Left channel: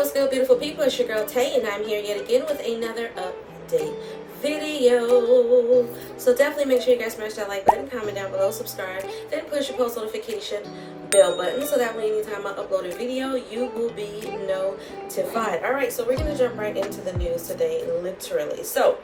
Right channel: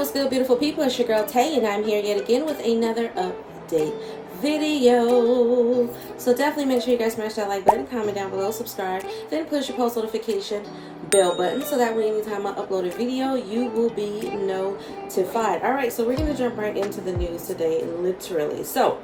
What's good, beautiful people? It's your girl Tay, and I'm here yet again with another update video. So definitely make sure you guys smash that like button, comment down below, subscribe, then push your post notification bell button so that way anytime I upload a video, you will be notified. Alright, so we're going to jump right into the news today, literally. So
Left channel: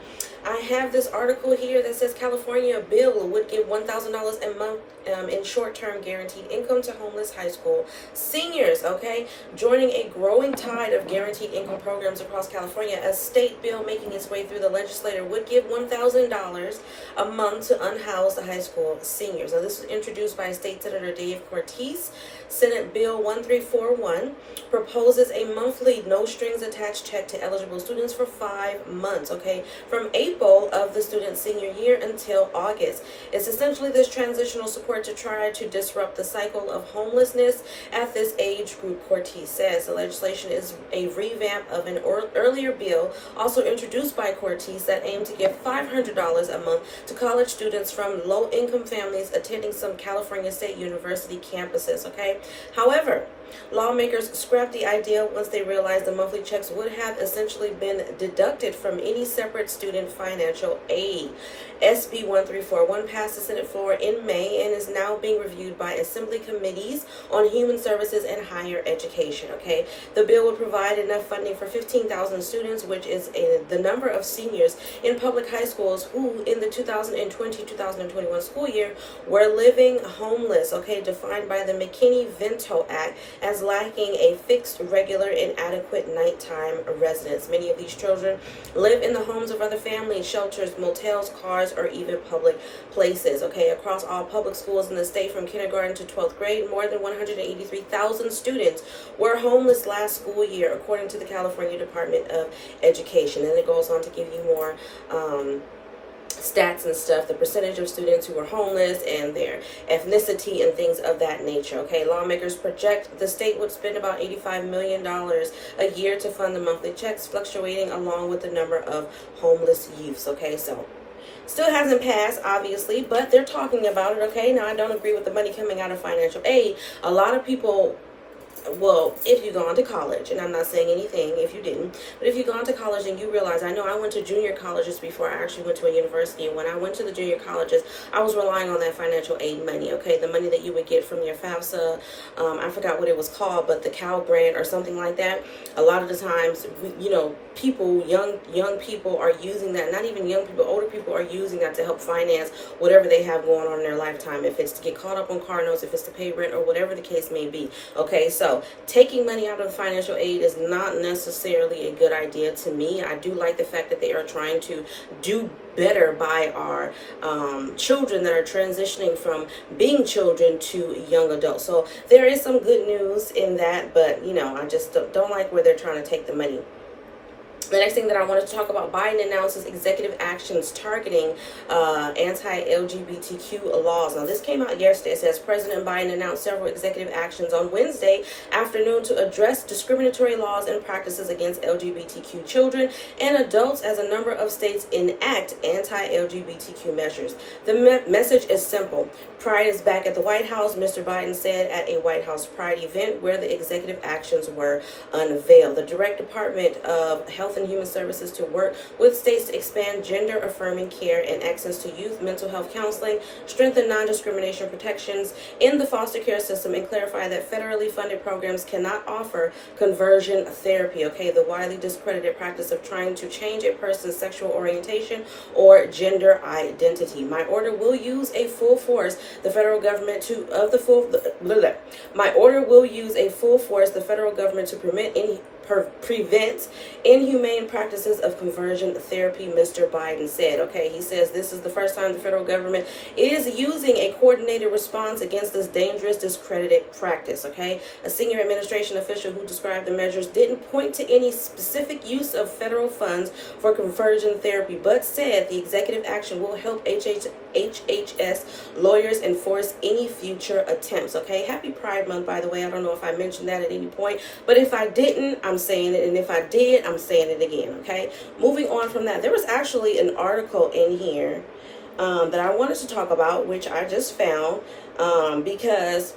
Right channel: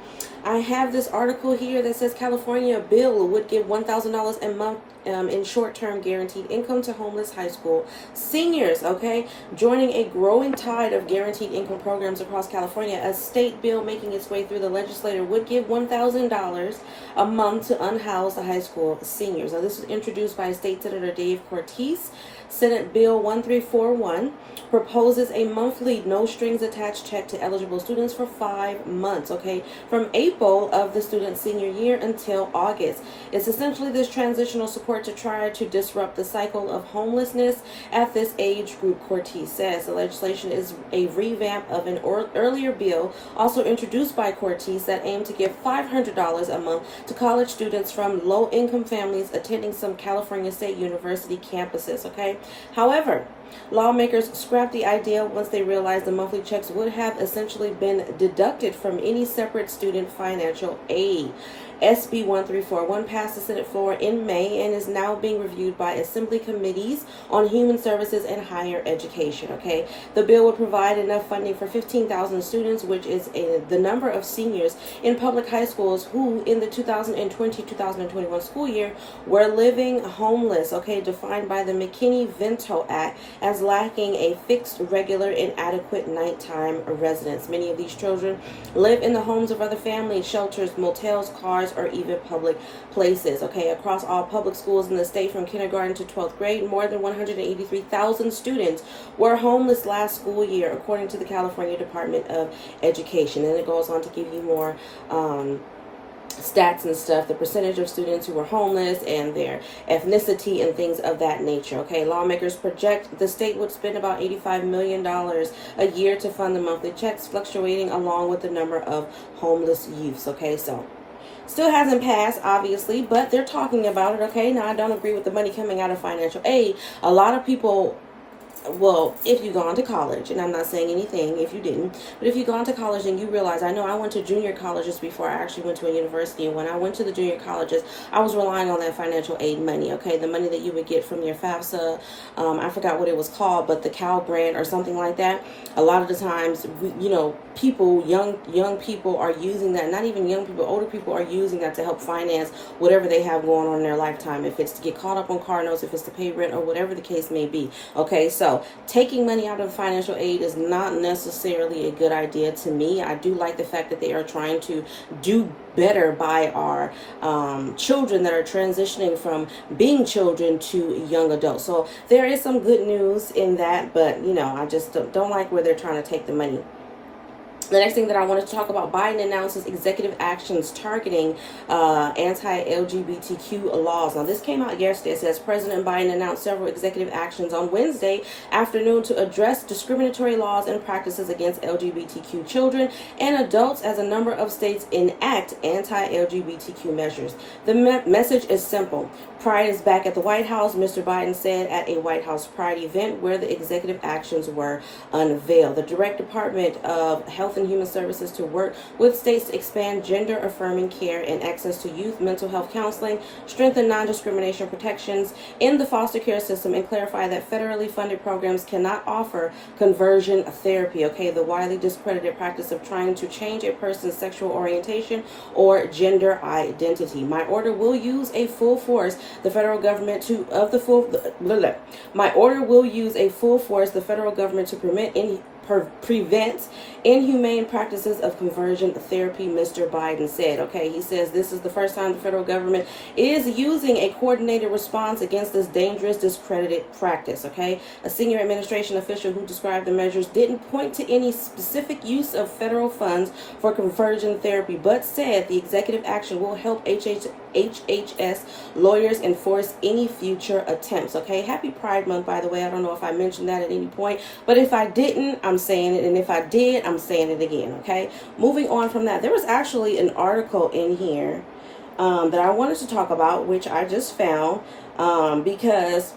I have this article here that says California bill would give $1,000 a month in short-term guaranteed income to homeless high school seniors, okay? Joining a growing tide of guaranteed income programs across California, a state bill making its way through the legislature would give $1,000 a month to unhoused high school seniors. Now, this was introduced by State Senator Dave Cortese. Senate Bill 1341 proposes a monthly no-strings-attached check to eligible students for 5 months, okay, from April of the student's senior year until August. It's essentially this transitional support to try to disrupt the cycle of homelessness at this age group, Cortese says. The legislation is a revamp of an earlier bill also introduced by Cortese that aimed to give $500 a month to college students from low-income families attending some California State University campuses, okay? However, lawmakers scrapped the idea once they realized the monthly checks would have essentially been deducted from any separate student financial aid. SB 1341 passed the Senate floor in May and is now being reviewed by Assembly committees on Human Services and Higher Education. Okay, the bill would provide enough funding for 15,000 students, which is the number of seniors in public high schools who, in the 2020-2021 school year, were living homeless. Okay, defined by the McKinney-Vento Act as lacking a fixed, regular, and adequate nighttime residence. Many of these children live in the homes of other families, shelters, motels, cars, or even public places. Okay, across all public schools in the state from kindergarten to 12th grade, more than 183,000 students were homeless last school year, according to the California Department of Education. And it goes on to give you more stats and stuff, the percentage of students who were homeless and their ethnicity and things of that nature. Okay, lawmakers project the state would spend about $85 million a year to fund the monthly checks, fluctuating along with the number of homeless youths. Okay, so still hasn't passed, obviously, but they're talking about it. Okay, now I don't agree with the money coming out of financial aid. A lot of people, well, if you've gone to college, and I'm not saying anything if you didn't, but if you've gone to college and you realize, I know I went to junior colleges before I actually went to a university, and when I went to the junior colleges, I was relying on that financial aid money, okay, the money that you would get from your FAFSA, I forgot what it was called, but the Cal Grant or something like that. A lot of the times, people, young people are using that, not even young people, older people are using that to help finance whatever they have going on in their lifetime, if it's to get caught up on car notes, if it's to pay rent, or whatever the case may be. Okay, so taking money out of financial aid is not necessarily a good idea to me. I do like the fact that they are trying to do better by our children that are transitioning from being children to young adults. So there is some good news in that, but I just don't like where they're trying to take the money. The next thing that I wanted to talk about, Biden announces executive actions targeting anti-LGBTQ laws. Now, this came out yesterday. It says President Biden announced several executive actions on Wednesday afternoon to address discriminatory laws and practices against LGBTQ children and adults as a number of states enact anti-LGBTQ measures. The message is simple. Pride is back at the White House, Mr. Biden said at a White House Pride event where the executive actions were unveiled. The Direct Department of Health and Human Services to work with states to expand gender-affirming care and access to youth mental health counseling, strengthen non-discrimination protections in the foster care system, and clarify that federally funded programs cannot offer conversion therapy. Okay, the widely discredited practice of trying to change a person's sexual orientation or gender identity. My order will use a full force the federal government to My order will use a full force the federal government to prevent inhumane practices of conversion therapy, Mr. Biden said. Okay, he says this is the first time the federal government is using a coordinated response against this dangerous, discredited practice. Okay, a senior administration official who described the measures didn't point to any specific use of federal funds for conversion therapy, but said the executive action will help HHS lawyers enforce any future attempts. Okay, happy Pride Month, by the way. I don't know if I mentioned that at any point, but if I didn't, I'm saying it, and if I did, I'm saying it again. Okay, moving on from that, there was actually an article in here that I wanted to talk about, which I just found because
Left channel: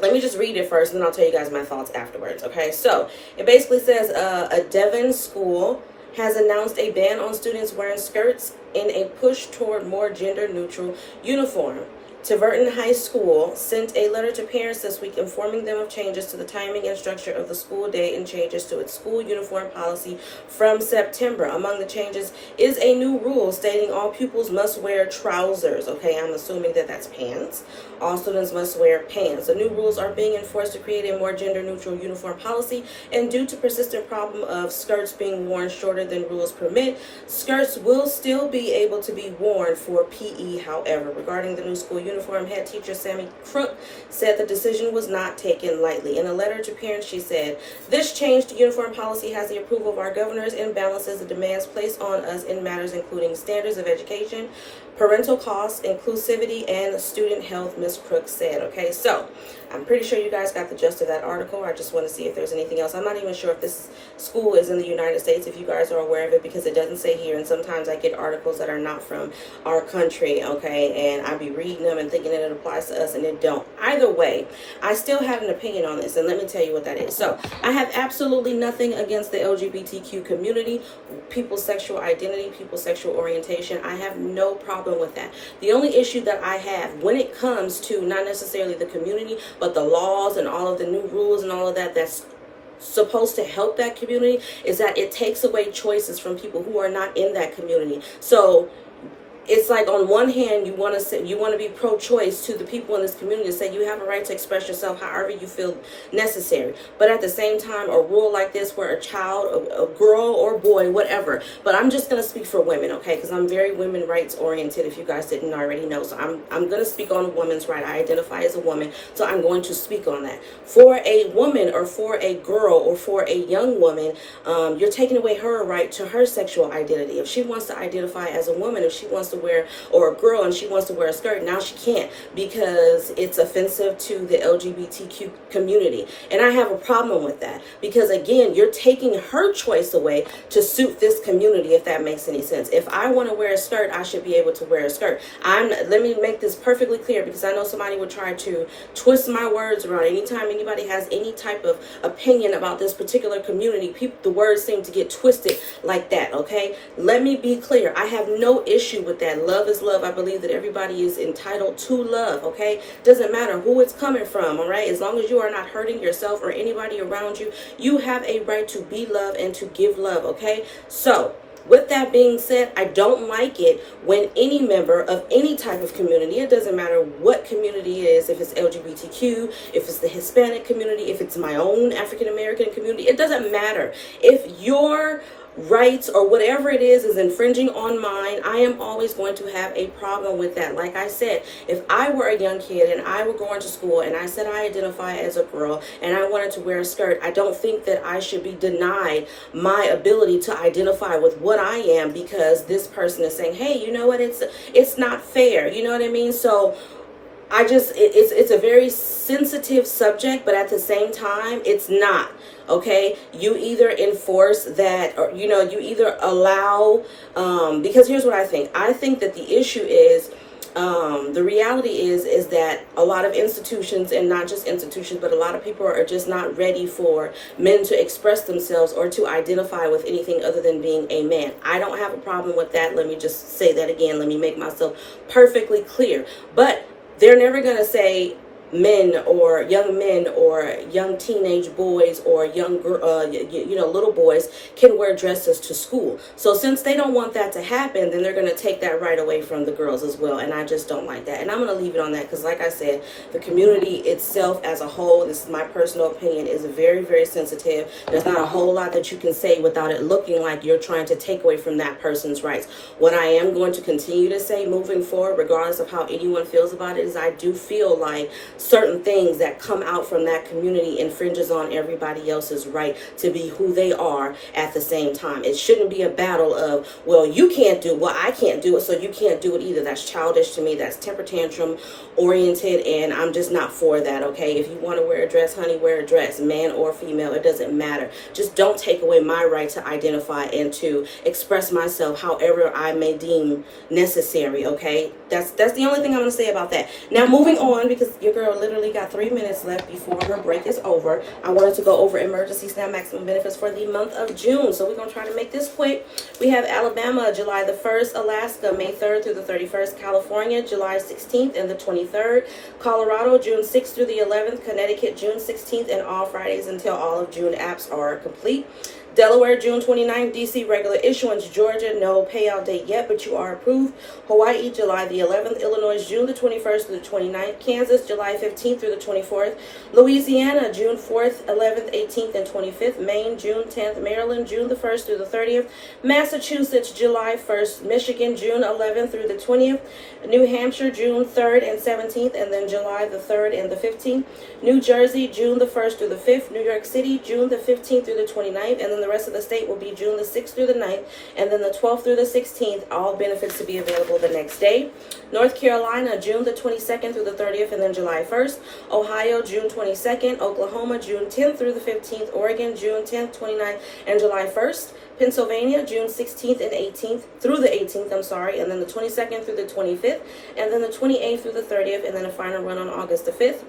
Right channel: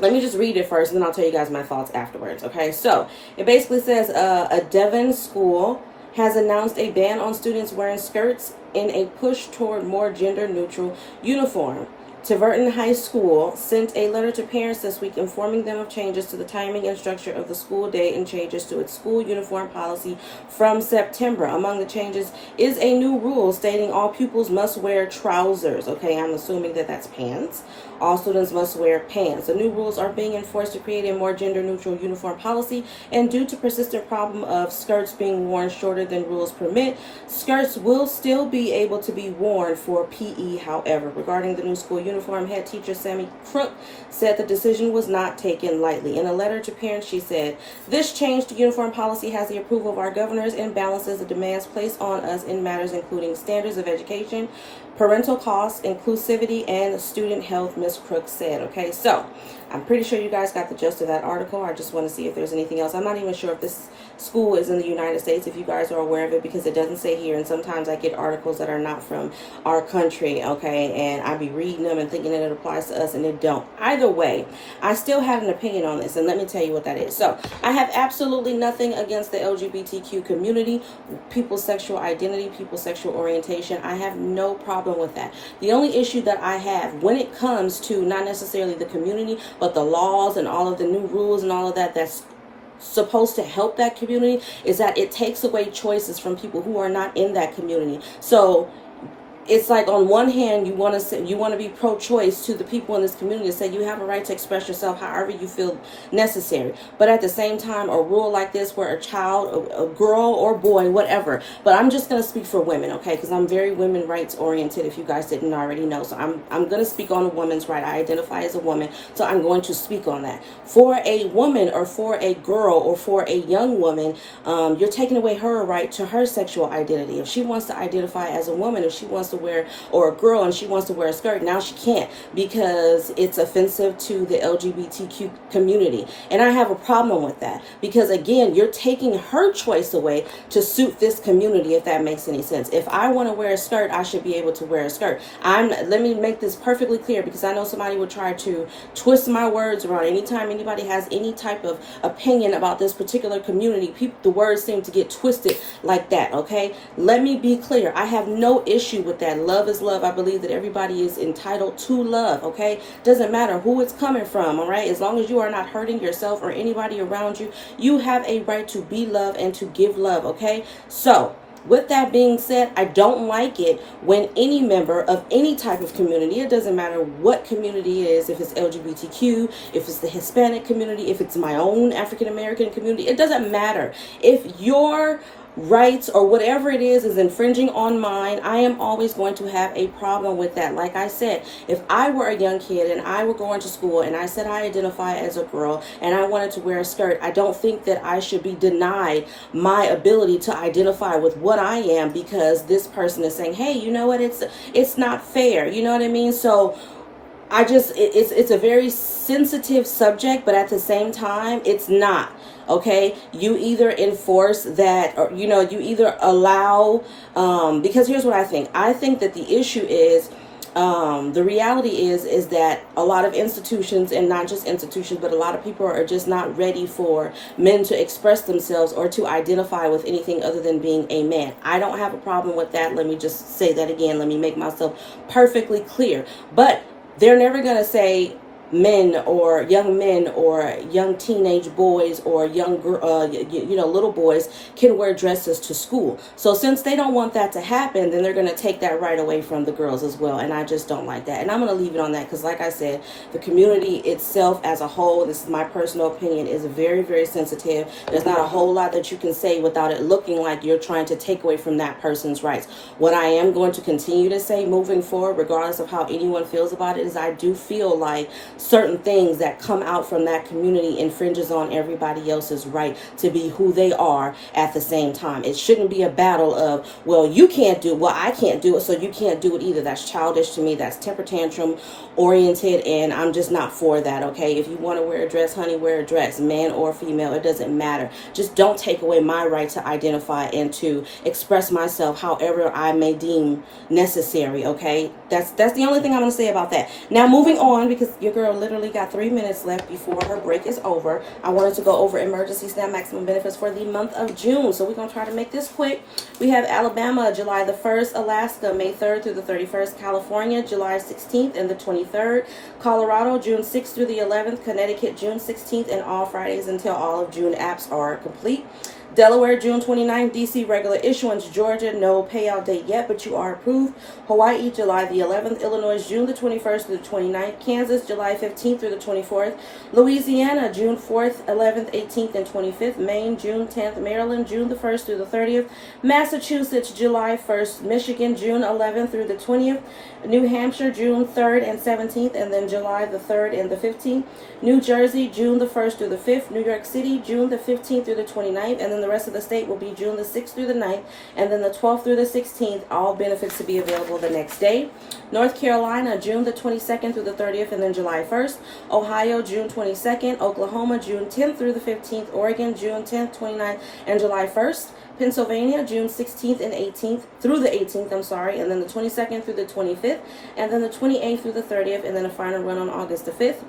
Let me just read it first, and then I'll tell you guys my thoughts afterwards. Okay, so it basically says a Devon school has announced a ban on students wearing skirts in a push toward more gender-neutral uniform. Tiverton High School sent a letter to parents this week informing them of changes to the timing and structure of the school day and changes to its school uniform policy from September. Among the changes is a new rule stating all pupils must wear trousers. Okay, I'm assuming that that's pants. All students must wear pants. The new rules are being enforced to create a more gender-neutral uniform policy, and due to persistent problem of skirts being worn shorter than rules permit, skirts will still be able to be worn for PE. However, regarding the new school uniform, head teacher Sammy Crook said the decision was not taken lightly. In a letter to parents, she said, "This change to uniform policy has the approval of our governors and balances the demands placed on us in matters including standards of education, parental costs, inclusivity, and student health," Ms. Crook said. Okay, so I'm pretty sure you guys got the gist of that article. I just want to see if there's anything else. I'm not even sure if this school is in the United States, if you guys are aware of it, because it doesn't say here, and sometimes I get articles that are not from our country, okay, and I be reading them and thinking that it applies to us, and it don't. Either way, I still have an opinion on this, and let me tell you what that is. So I have absolutely nothing against the LGBTQ community, people's sexual identity, people's sexual orientation. I have no problem with that. The only issue that I have when it comes to not necessarily the community, but the laws and all of the new rules and all of that that's supposed to help that community, is that it takes away choices from people who are not in that community. So it's like, on one hand, you want to be pro-choice to the people in this community, to say you have a right to express yourself however you feel necessary. But at the same time, a rule like this where a child, a girl or boy, whatever, but I'm just going to speak for women, okay, because I'm very women rights oriented, if you guys didn't already know. So I'm going to speak on a woman's right. I identify as a woman, so I'm going to speak on that. For a woman or for a girl or for a young woman, you're taking away her right to her sexual identity. If she wants to identify as a woman, if she wants to wear, or a girl and she wants to wear a skirt, now she can't because it's offensive to the LGBTQ community. And I have a problem with that because, again, you're taking her choice away to suit this community, if that makes any sense. If I want to wear a skirt, I should be able to wear a skirt. Let me make this perfectly clear, because I know somebody would try to twist my words around. Anytime anybody has any type of opinion about this particular community, the words seem to get twisted like that, okay? Let me be clear. I have no issue with that. Love is love. I believe that everybody is entitled to love, okay? Doesn't matter who it's coming from, all right? As long as you are not hurting yourself or anybody around you, you have a right to be loved and to give love, okay? So, with that being said, I don't like it when any member of any type of community, it doesn't matter what community it is, if it's LGBTQ, if it's the Hispanic community, if it's my own African American community, it doesn't matter. If your rights or whatever it is infringing on mine, I am always going to have a problem with that. Like I said, if I were a young kid and I were going to school and I said I identify as a girl and I wanted to wear a skirt, I don't think that I should be denied my ability to identify with what I am because this person is saying, hey, you know what, it's not fair, you know what I mean? So it's a very sensitive subject, but at the same time, it's not, okay? You either enforce that, or, you either allow, because here's what I think. I think that the issue is, the reality is that a lot of institutions, and not just institutions, but a lot of people are just not ready for men to express themselves or to identify with anything other than being a man. I don't have a problem with that. Let me just say that again. Let me make myself perfectly clear. But they're never going to say men or young teenage boys or young little boys can wear dresses to school. So since they don't want that to happen, then they're going to take that right away from the girls as well, and I just don't like that. And I'm going to leave it on that because, like I said, the community itself as a whole, this is my personal opinion, is very, very sensitive. There's not a whole lot that you can say without it looking like you're trying to take away from that person's rights. What I am going to continue to say moving forward, regardless of how anyone feels about it, is I do feel like certain things that come out from that community infringes on everybody else's right to be who they are at the same time. It shouldn't be a battle of, well, you can't do, well, I can't do it, so you can't do it either. That's childish to me. That's temper tantrum oriented, and I'm just not for that, okay? If you want to wear a dress, honey, wear a dress, man or female, it doesn't matter. Just don't take away my right to identify and to express myself however I may deem necessary, okay? That's the only thing I'm going to say about that. Now, moving on, because your girl girl literally got 3 minutes left before her break is over. I wanted to go over emergency SNAP maximum benefits for the month of June. So we're going to try to make this quick. We have Alabama, July the 1st, Alaska, May 3rd through the 31st, California, July 16th and the 23rd, Colorado, June 6th through the 11th, Connecticut, June 16th, and all Fridays until all of June apps are complete. Delaware, June 29th, DC, regular issuance. Georgia, no payout date yet, but you are approved. Hawaii, July the 11th. Illinois, June the 21st through the 29th. Kansas, July 15th through the 24th. Louisiana, June 4th, 11th, 18th, and 25th. Maine, June 10th. Maryland, June the 1st through the 30th. Massachusetts, July 1st. Michigan, June 11th through the 20th. New Hampshire, June 3rd and 17th, and then July the 3rd and the 15th. New Jersey, June the 1st through the 5th. New York City, June the 15th through the 29th, and then the rest of the state will be June the 6th through the 9th, and then the 12th through the 16th, all benefits to be available the next day. North Carolina, June the 22nd through the 30th, and then July 1st. Ohio, June 22nd. Oklahoma, June 10th through the 15th. Oregon, June 10th, 29th, and July 1st. Pennsylvania, June 16th and 18th through the 18th, and then the 22nd through the 25th, and then the 28th through the 30th, and then a final run on August the 5th.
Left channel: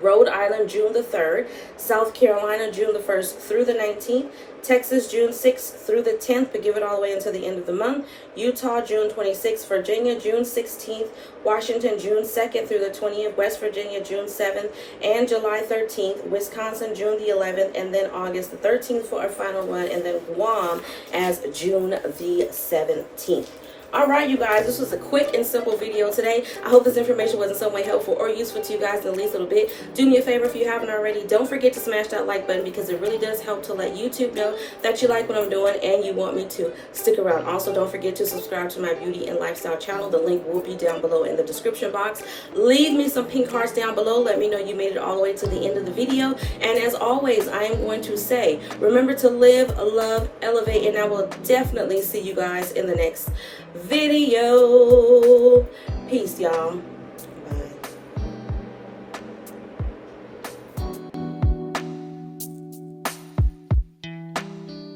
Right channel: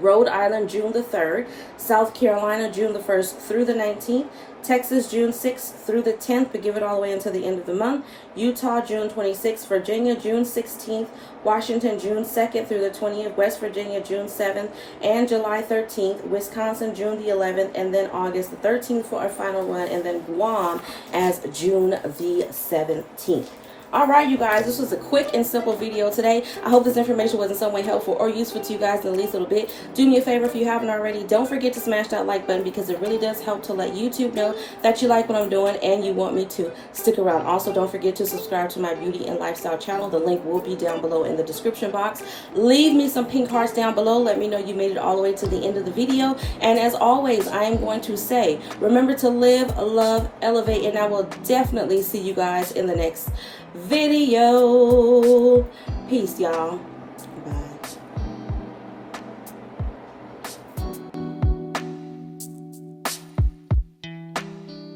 Rhode Island, June the 3rd. South Carolina, June the 1st through the 19th. Texas, June 6th through the 10th, but give it all the way until the end of the month. Utah, June 26th. Virginia, June 16th. Washington, June 2nd through the 20th. West Virginia, June 7th and July 13th. Wisconsin, June the 11th, and then August the 13th for our final run, and then Guam as June the 17th. Alright, you guys, this was a quick and simple video today. I hope this information was in some way helpful or useful to you guys at least a little bit. Do me a favor, if you haven't already, don't forget to smash that like button, because it really does help to let YouTube know that you like what I'm doing and you want me to stick around. Also, don't forget to subscribe to my beauty and lifestyle channel. The link will be down below in the description box. Leave me some pink hearts down below. Let me know you made it all the way to the end of the video. And as always, I am going to say, remember to live, love, elevate, and I will definitely see you guys in the next video. Peace, y'all.